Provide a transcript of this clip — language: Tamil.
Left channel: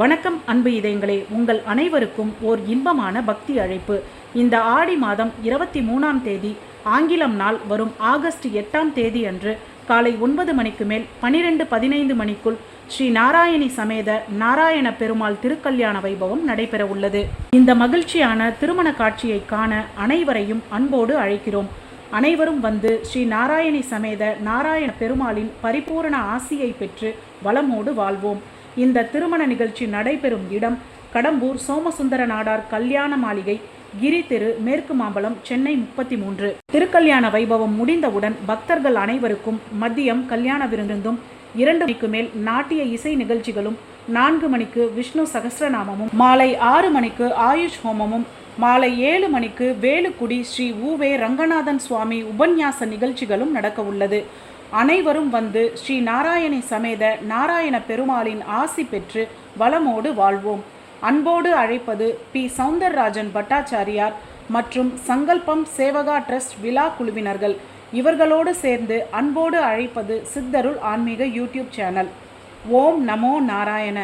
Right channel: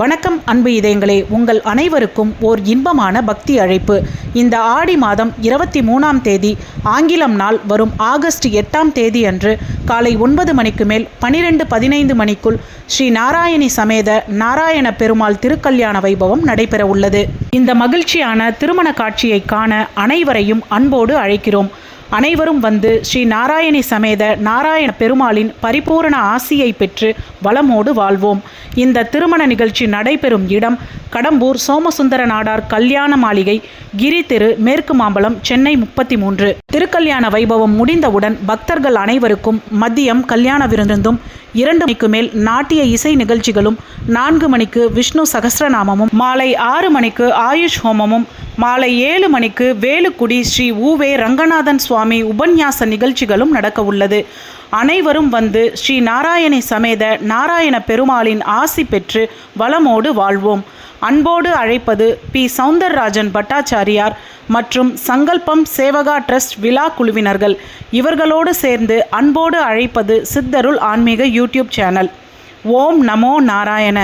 வணக்கம் அன்பு இதயங்களே, உங்கள் அனைவருக்கும் ஓர் இன்பமான பக்தி அழைப்பு. இந்த ஆடி மாதம் 23ஆம் தேதி ஆங்கிலம் நாள் வரும் ஆகஸ்ட் 8ஆம் தேதி அன்று காலை 9 மணிக்கு மேல் 12:15 மணிக்குள் ஸ்ரீ நாராயணி சமேத நாராயண பெருமாள் திருக்கல்யாண வைபவம் நடைபெற உள்ளது. இந்த மகிழ்ச்சியான திருமண காட்சியை காண அனைவரையும் அன்போடு அழைக்கிறோம். அனைவரும் வந்து ஸ்ரீ நாராயணி சமேத நாராயண பெருமாளின் பரிபூரண ஆசியை பெற்று வளமோடு வாழ்வோம். இந்த திருமண நிகழ்ச்சி நடைபெறும் இடம் கடம்பூர் சோமசுந்தர நாடார் கல்யாண மாளிகை, கிரி தெரு, மேற்கு மாம்பலம், சென்னை 33. திருக்கல்யாண வைபவம் முடிந்தவுடன் பக்தர்கள் அனைவருக்கும் மதியம் கல்யாண விருந்தும், 2 மணிக்கு மேல் நாட்டிய இசை நிகழ்ச்சிகளும், 4 மணிக்கு விஷ்ணு சகஸ்ரநாமமும், மாலை 6 மணிக்கு ஆயுஷ் ஹோமமும், மாலை 7 மணிக்கு வேலுக்குடி ஸ்ரீ ஊவே ரங்கநாதன் சுவாமி உபன்யாச நிகழ்ச்சிகளும் நடக்க உள்ளது. அனைவரும் வந்து ஸ்ரீ நாராயணி சமேத நாராயண பெருமாளின் ஆசி பெற்று வளமோடு வாழ்வோம். அன்போடு அழைப்பது பி. சௌந்தரராஜன் பட்டாச்சாரியார் மற்றும் சங்கல்பம் சேவகா ட்ரஸ்ட் விழா குழுவினர்கள். இவர்களோடு சேர்ந்து அன்போடு அழைப்பது சித்தருள் ஆன்மீக யூடியூப் சேனல். ஓம் நமோ நாராயண.